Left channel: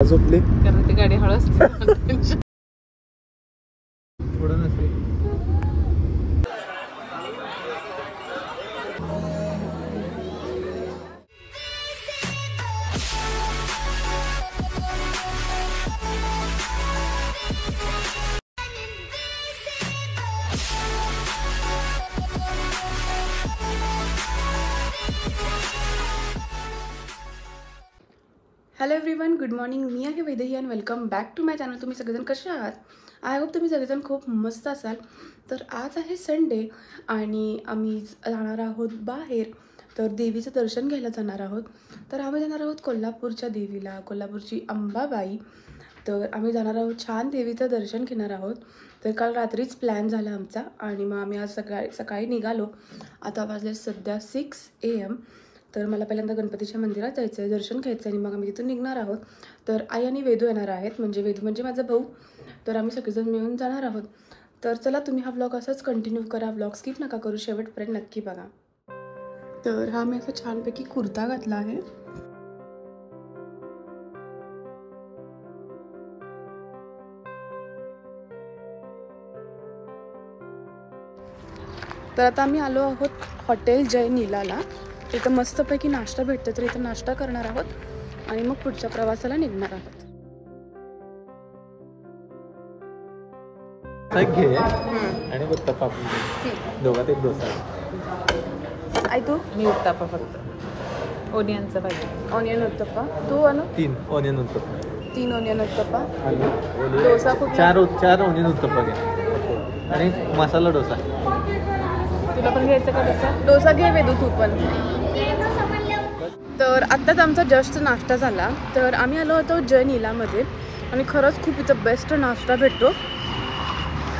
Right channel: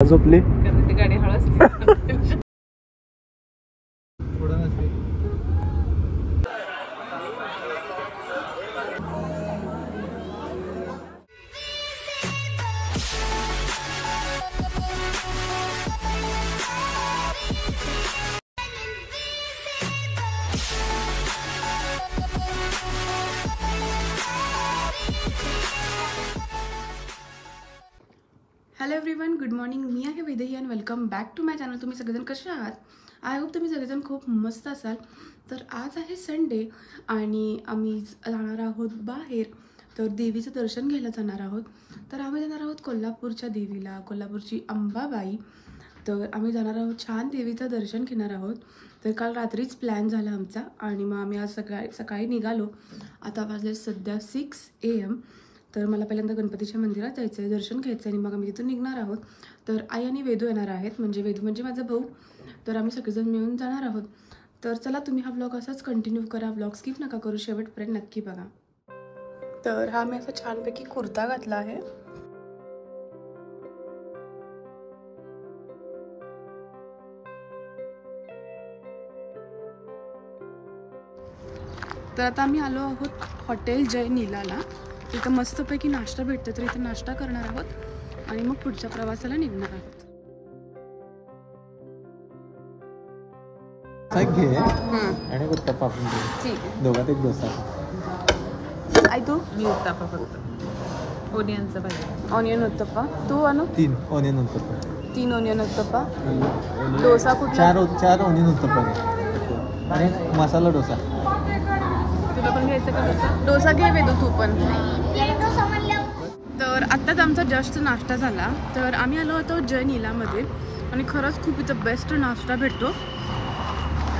झोपली कारण ती गाडी हळू असते. Hello everyone, good morning. मी आहे Vaidehi and welcome back to my channel. तुम्ही सगळेजण कसे आहात? आय होप तुम्ही सगळेजण खूप मस्त असाल. तर आज आहे संडे आणि आम्ही जाणार आहोत बाहेर. तर देवीचं दर्शन घ्यायला जाणार आहोत. तर आम्ही जाणार आहोत कोल्हापूरच्या देवीला, कोल्हापूरची अंबाबाई. तर आम्ही जाणार आहोत, छान देवीचं दर्शन घेणार आहोत. तर काल रात्रीच प्लॅन झाला आमचा आणि मग आम्ही आज सकाळी निघालो. आता वाजले सध्या 6 AM. तर मला पहिल्यांदा गणपतीच्या मंदिरात जायचं आहे, दर्शन घ्यायचं आणि मग आम्ही तिथून निघणार आहोत. तर आई आणि वेदू येणार आहेत, म्हणजे वेदू म्हणजे माझा भाऊ. तर आम्ही सगळेजण मिळून जाणार आहोत. तर चला, तुम्ही हा व्लॉग असाच कंटिन्यू करा. व्लॉग स्किप नका करू, शेवटपर्यंत नक्की बघा. तर हा मी असा छानपैकी कुर्ता घातला आहे. तर आता आम्ही आलो आहोत हॉटेल जय नीलाला. तिथं मस्तपैकी नाश्ता भेटतो, तर इथं नाश्ता करणार आहोत आणि मग पुढच्या प्रवासाला निघणार आहोत. घे आणि उत्तप्पा पण घे. ठीक आहे. दोघात एक डोसा. आई तू? मी उत्तापा फक्त ओनियनचं पाहिजे. ऑनियन उत्तप्पा. तू अनु? 3 ओनियन उत्तप्पा. 3 ऑनियन उत्तप्पा. डोसा कुठला? 4 ओनियन उत्तप्पा घे आणि मसाला डोसा. तुला पण घ्यायचं का डोसा? डोसा घे वेदू तू पण. तर आत्ताच आमचा जस्ट नाश्ता झाला. तर आम्ही आलो होतो जय नीलामध्ये आणि खरंच खूप इथं बेस्ट नाश्ता भेटतो.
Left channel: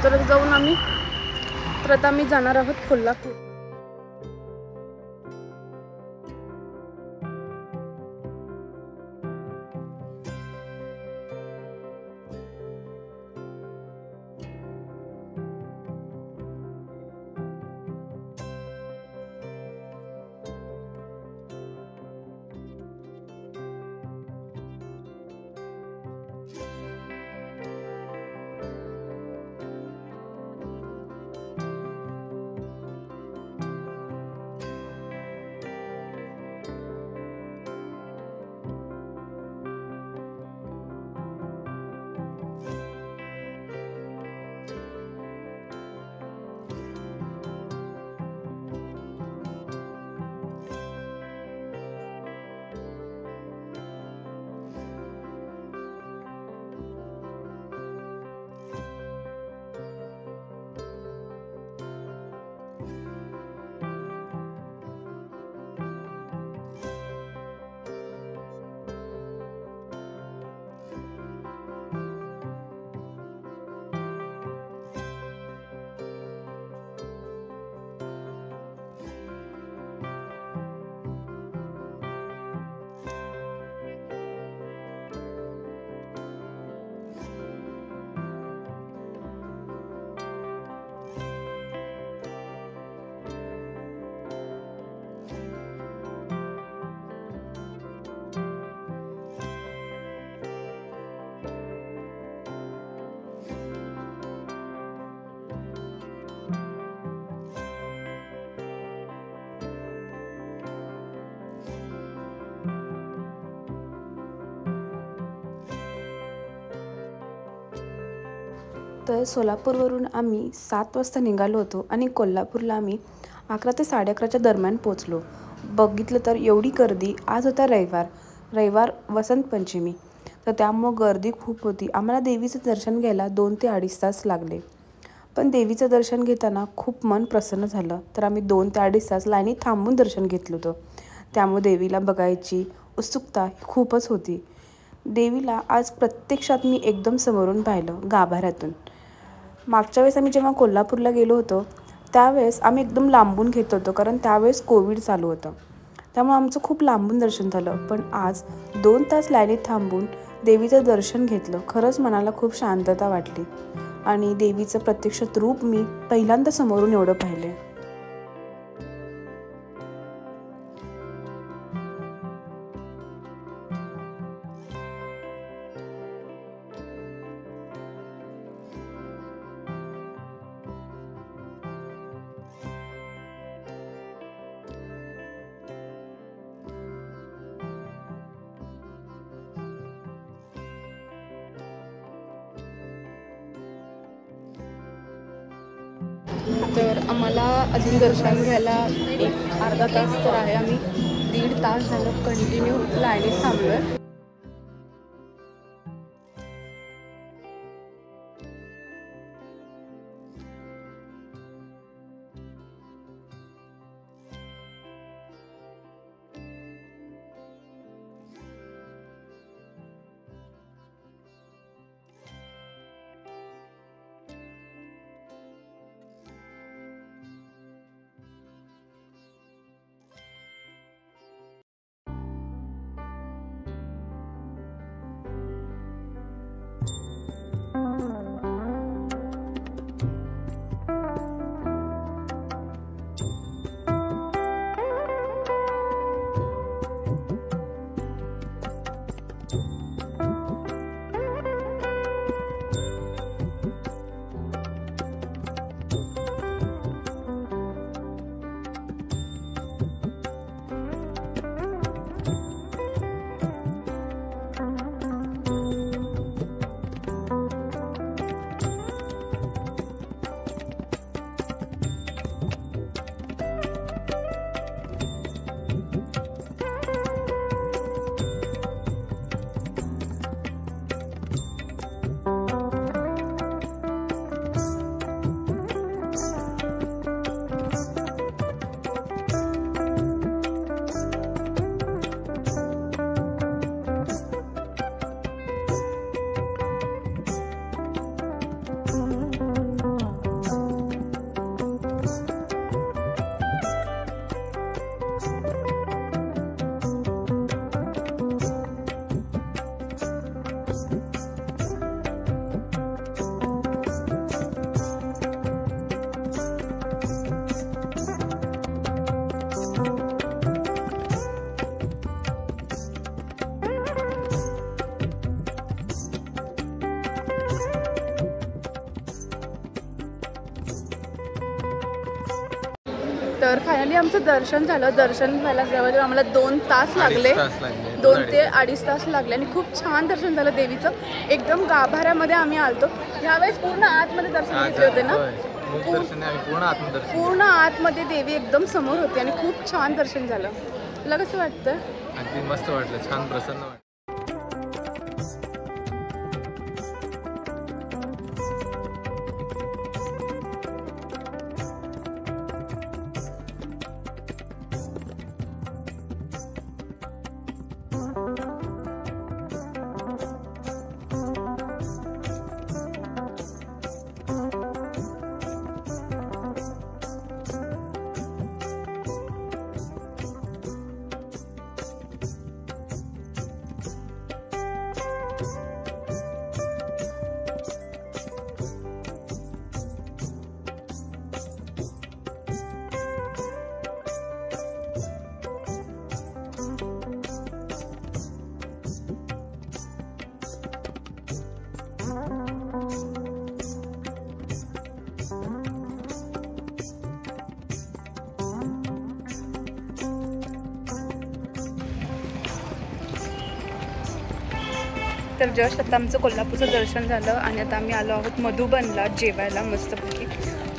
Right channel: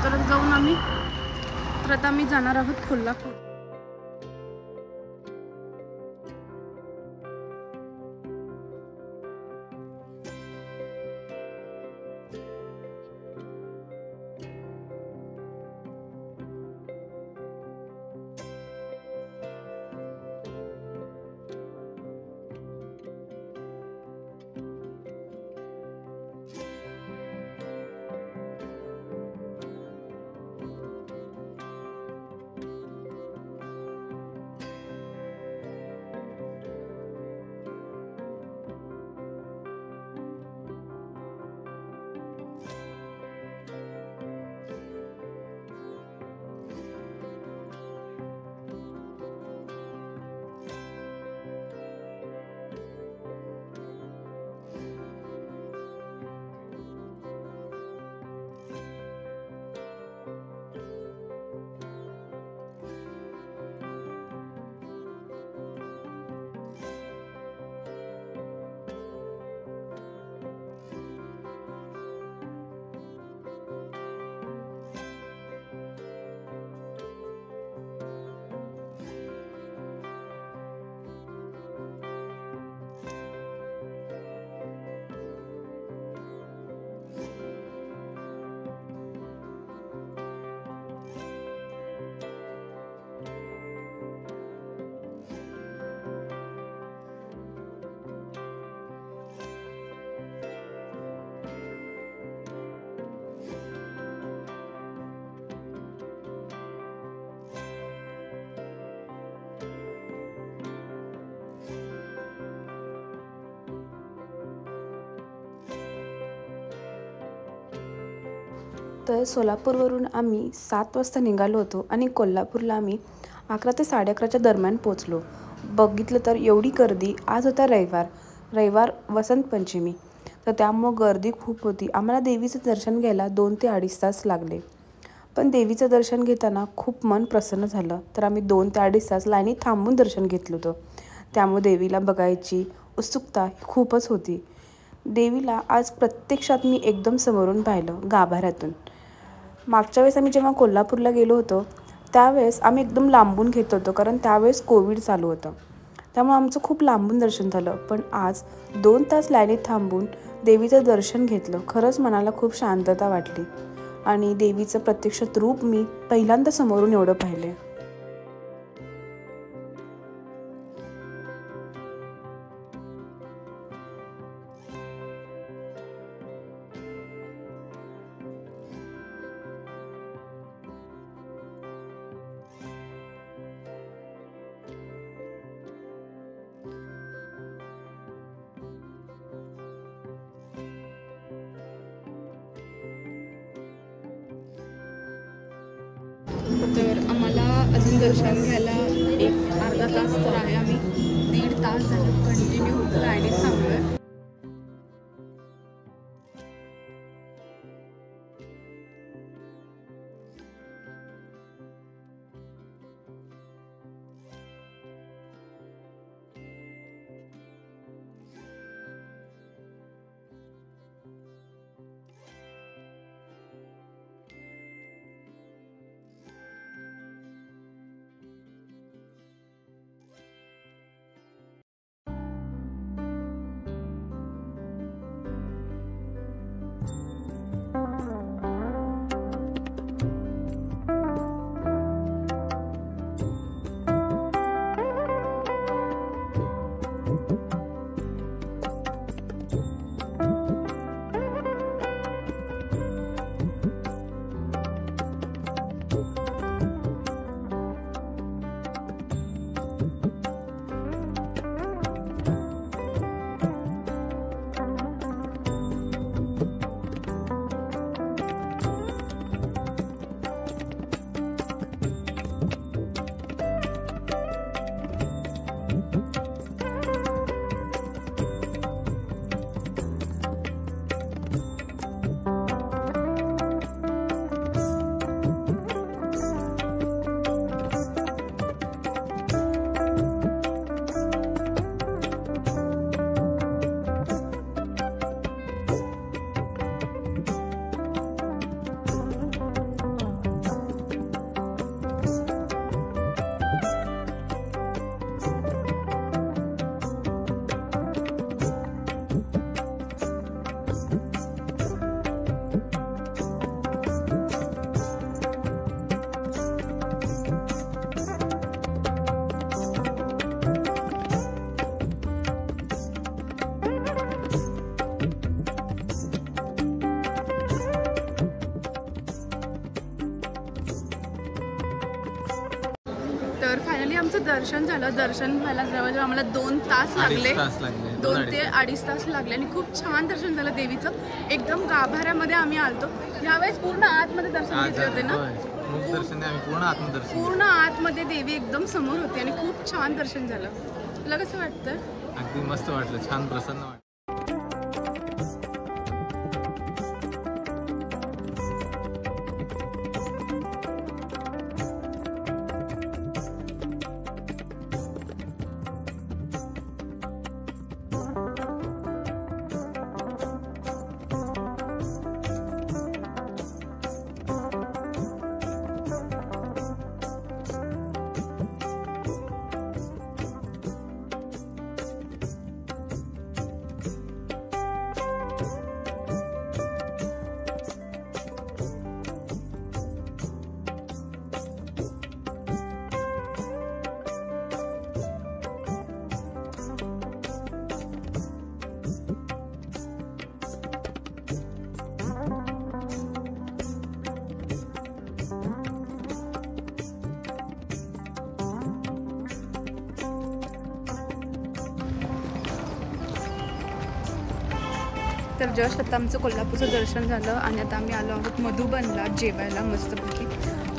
तर जाऊन आता आम्ही जाणार आहोत कोल्हापूर. तर सोलापूरवरून आम्ही 7 वाजता निघालो होतो आणि कोल्हापूरला आम्ही 11 ते 11:30च्या दरम्यान पोचलो. बघितलं तर एवढी गर्दी. आज होता रविवार वसंत पंचमी. तर त्यामुळं गर्दी खूप होती. आम्हाला देवीचं दर्शन घ्यायला 2 ते 2.5 तास लागले. पण देवीचं दर्शन घेताना खूप मन प्रसन्न झालं. तर आम्ही 2 ते 2.5 तास लाईनीत थांबून दर्शन घेतलं होतं. त्यामुळे देवीला बघायची उत्सुकता खूपच होती. देवीला आज प्रत्यक्षात मी एकदम समोरून पाहिलं, गाभाऱ्यातून. मागच्या वेळेस आम्ही जेव्हा कोल्हापूरला गेलो होतो त्यावेळेस आम्ही एकदम लांबून घेत होतो, कारण त्यावेळेस कोविड चालू होतं. त्यामुळे आमचं खूप लांबून दर्शन झालं. पण आज 2 तास लाईनीत थांबून देवीचं दर्शन घेतलं. खरंच मनाला खूप शांतता वाटली आणि देवीचं प्रत्यक्षात रूप मी पहिल्यांदा समोरून एवढं पाहिले. तर आम्हाला अजून दर्शन घ्यायला एक अर्धा तास तर आहे. आम्ही 1.5 तास झालं कंटिन्यू लाईनीत थांबलो आहे. तर फायनली आमचं दर्शन झालं. दर्शन व्हायला जवळजवळ आम्हाला 2 तास लागले. 2 ते 2.5 तास लागले आणि खूप छान दर्शन झालं देवीचं. एकदम गाभाऱ्यामध्ये आम्ही आलतो. ह्यावेळेस पूर्ण आतमध्ये दर्शन घेतले होते ना. पूर्ण आतमध्ये देवी एकदम समोर होती आणि खूप छान दर्शन झालं. तुला कसं वाटतं? अगदी मस्त वाटलं, छान प्रसन्न वाटलं. तर जस्ट आता आमचं कोल्हापूरचं दर्शन झालं आणि आता आम्ही आलो आहोत मधुबनला जेवायला मस्तपैकी.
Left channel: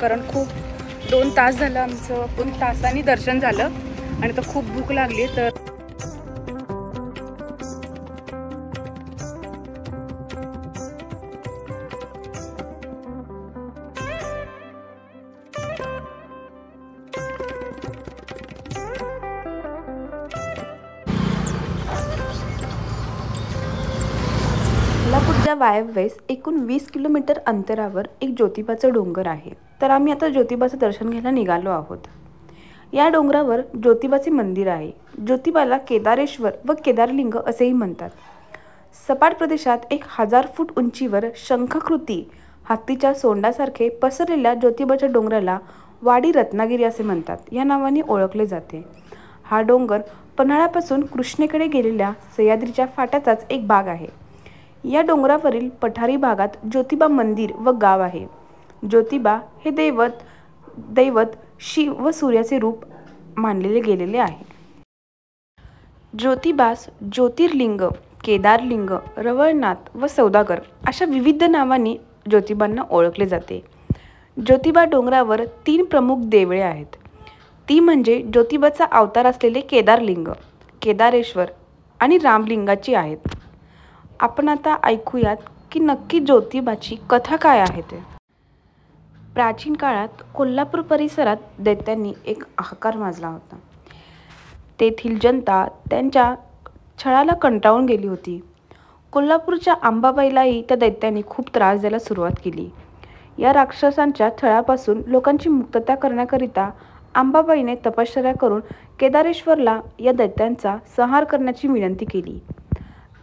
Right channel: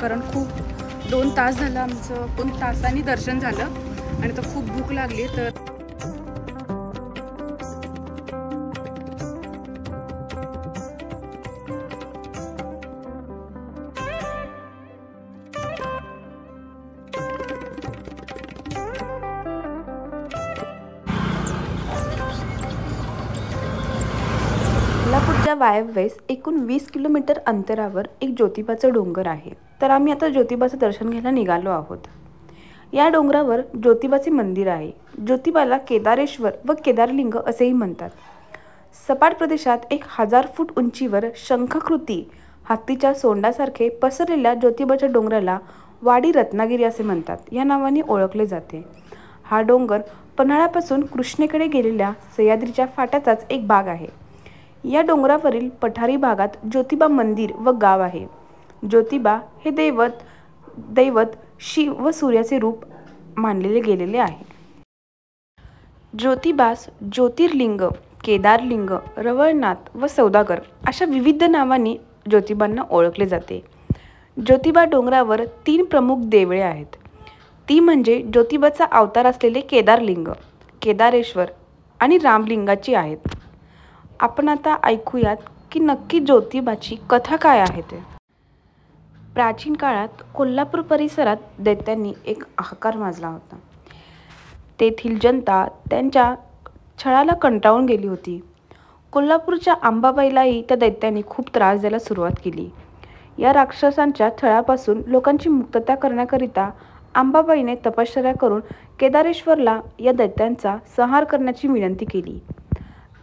कारण खूप 2 तास झालं आमचं, 2 तासांनी दर्शन झालं आणि आता खूप भूक लागली. तर कोल्हापूरच्या वायव्येस एकूण 20 किलोमीटर अंतरावर एक ज्योतिबाचं डोंगर आहे. तर आम्ही आता ज्योतिबाचं दर्शन घ्यायला निघालो आहोत. या डोंगरावर ज्योतिबाचे मंदिर आहे. ज्योतिबाला केदारेश्वर व केदारलिंग असेही म्हणतात. सपाट प्रदेशात 1000 फूट उंचीवर शंखाकृती हत्तीच्या सोंडासारखे पसरलेल्या ज्योतिबाच्या डोंगराला वाडी रत्नागिरी असे म्हणतात. या नावाने ओळखले जाते. हा डोंगर पन्हाळ्यापासून कृष्णेकडे गेलेल्या सह्याद्रीच्या फाट्याचाच एक भाग आहे. या डोंगरावरील पठारी भागात ज्योतिबा मंदिर व गाव आहे. ज्योतिबा हे दैवत शिव व सूर्याचे रूप मानलेले गेलेले आहे. ज्योतिबास ज्योतिर्लिंग, केदारलिंग, रवळनाथ व सौदागर अशा विविध नावांनी ज्योतिबांना ओळखले जाते. ज्योतिबा डोंगरावर 3 प्रमुख देवळे आहेत. ती म्हणजे ज्योतिबाचा अवतार असलेले केदारलिंग, केदारेश्वर आणि रामलिंगाची आहेत. आपण आता ऐकूयात की नक्की ज्योतिबाची कथा काय आहे ते. प्राचीन काळात कोल्हापूर परिसरात दैत्यांनी एक हाहाकार माजला होता. तेथील जनता त्यांच्या छळाला कंटाळून गेली होती. कोल्हापूरच्या अंबाबाईलाही त्या दैत्यांनी खूप त्रास द्यायला सुरुवात केली. या राक्षसांच्या छळापासून लोकांची मुक्तता करण्याकरिता अंबाबाईने तपश्चर्या करून केदारेश्वरला या दैत्यांचा संहार करण्याची विनंती केली.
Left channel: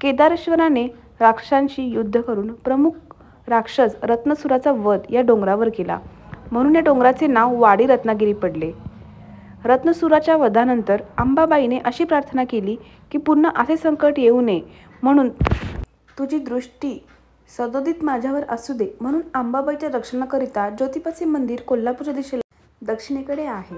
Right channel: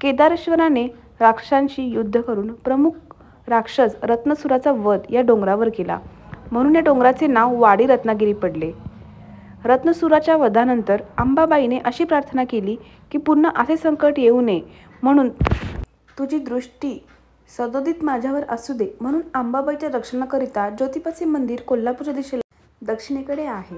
केदारेश्वराने राक्षसांशी युद्ध करून प्रमुख राक्षस रत्नसुराचा वध या डोंगरावर केला, म्हणून या डोंगराचे नाव वाडी रत्नागिरी पडले. रत्नसुराच्या वधानंतर अंबाबाईने अशी प्रार्थना केली की पुन्हा असे संकट येऊ नये, म्हणून तुझी दृष्टी सदोदित माझ्यावर असू दे. म्हणून अंबाबाईच्या रक्षणाकरिता ज्योतिबाचे मंदिर कोल्हापूरच्या दिशेला दक्षिणेकडे आहे.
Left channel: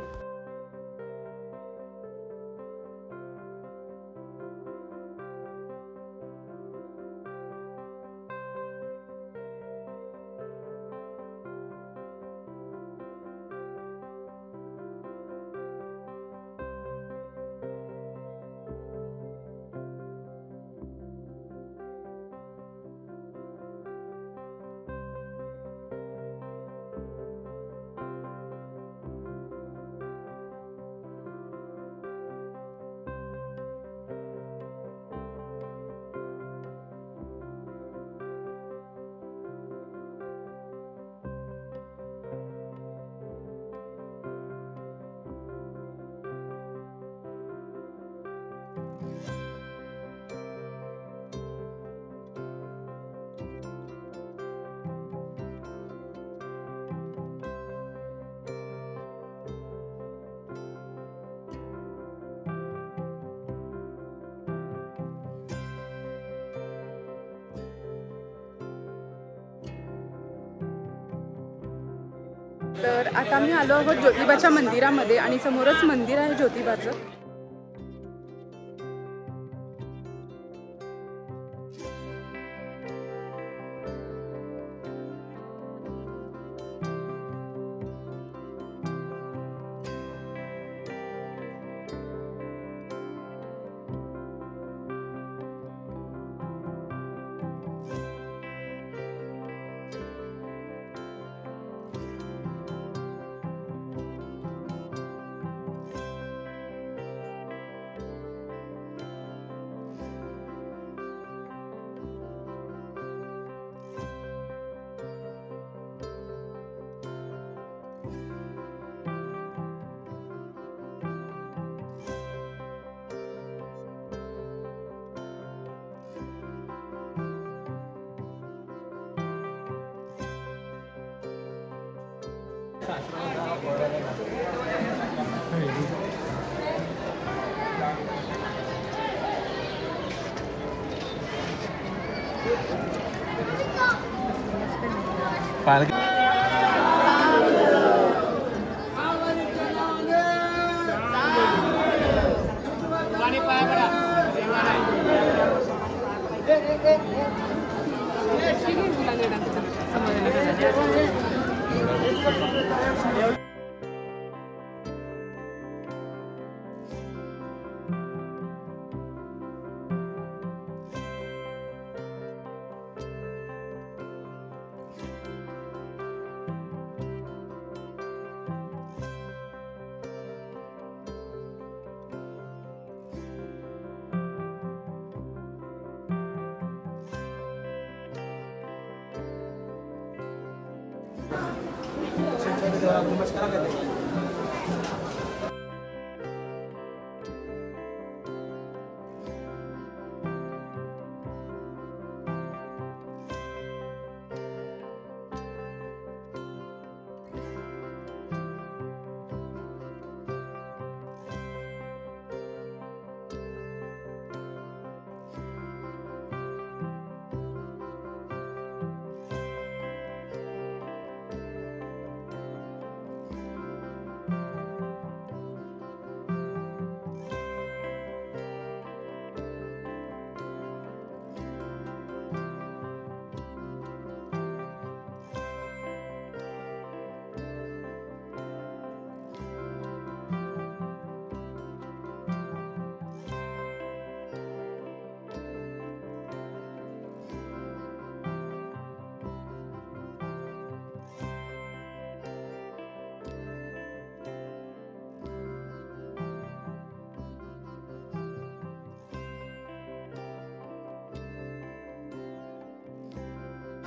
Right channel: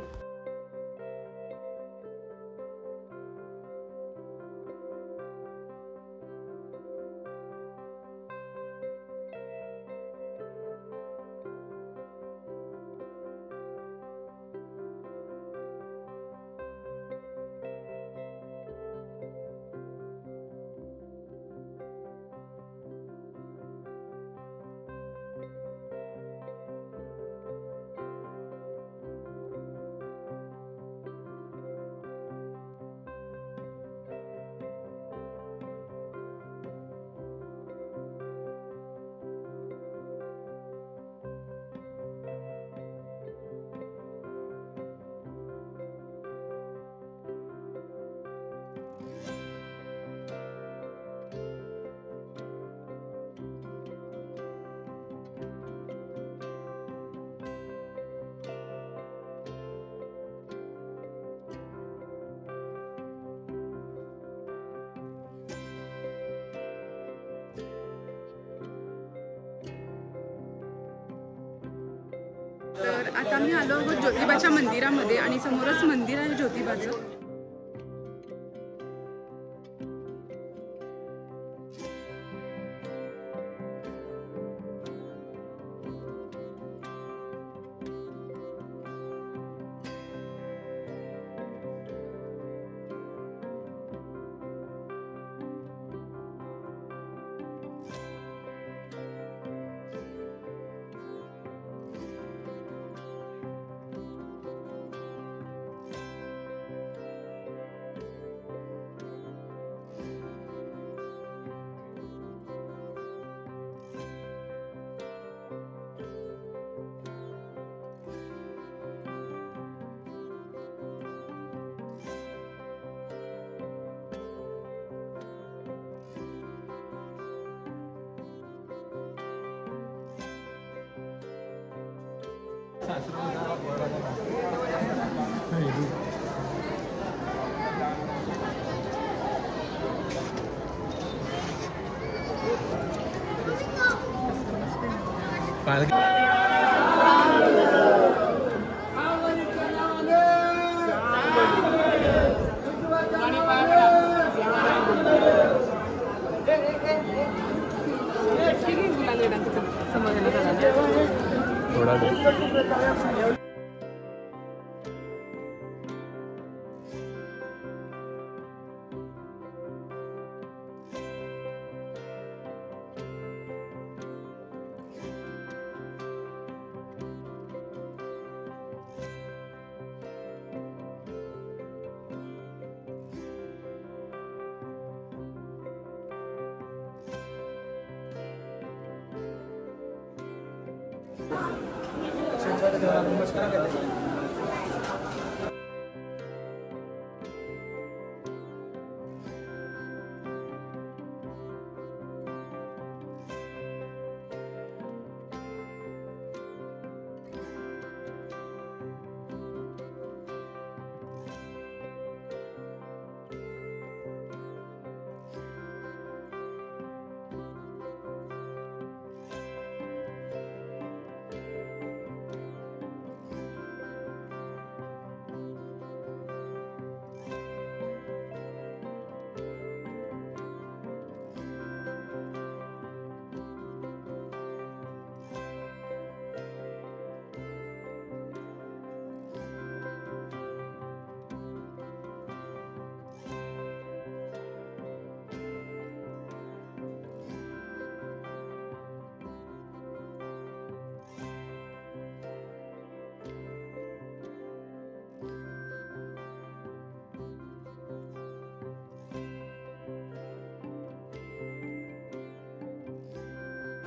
तर आता आम्ही आलो आहोत ज्योतिबाच्या मंदिरामध्ये आणि समोरच मंदिर आहे ज्योतिबाचं.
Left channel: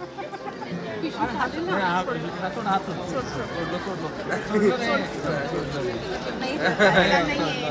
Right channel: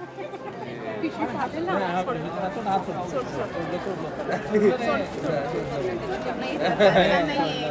पिशवी फाटेल ना. हातून सोड, सोड. सोडलं नाही, फाटायला नाहीये.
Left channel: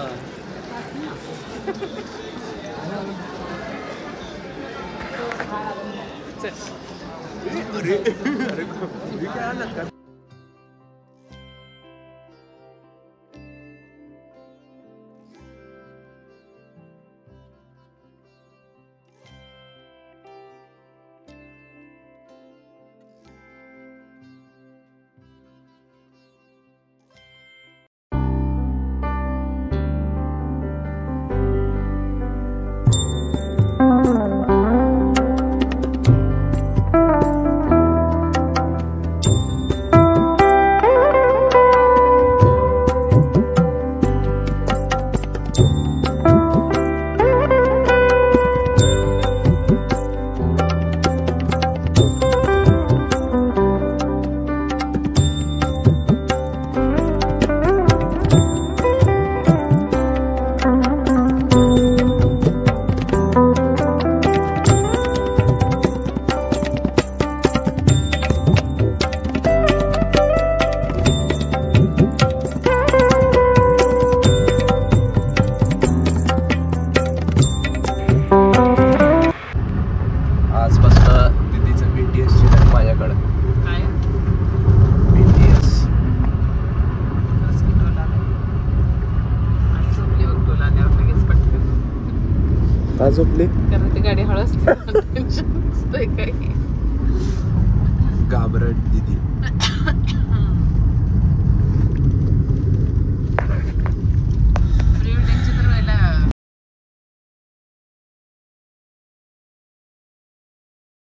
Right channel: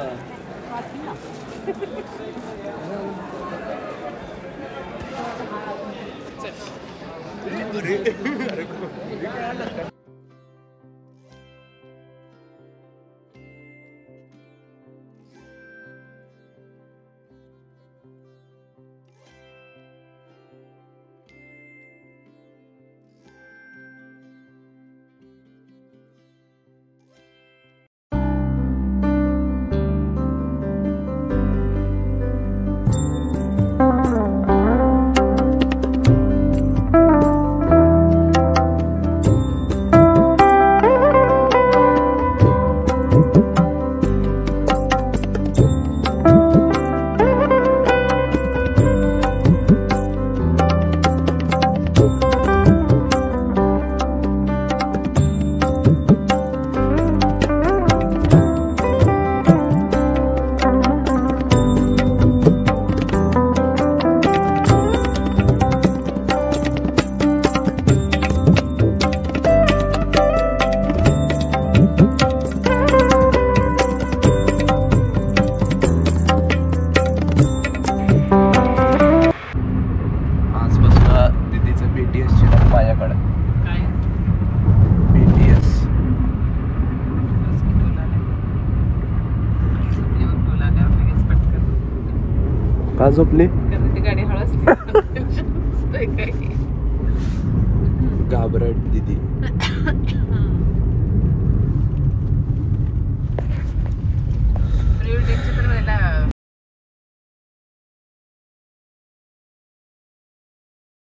झोपली कारण ती गाडी हळस काही घाबरट दीदी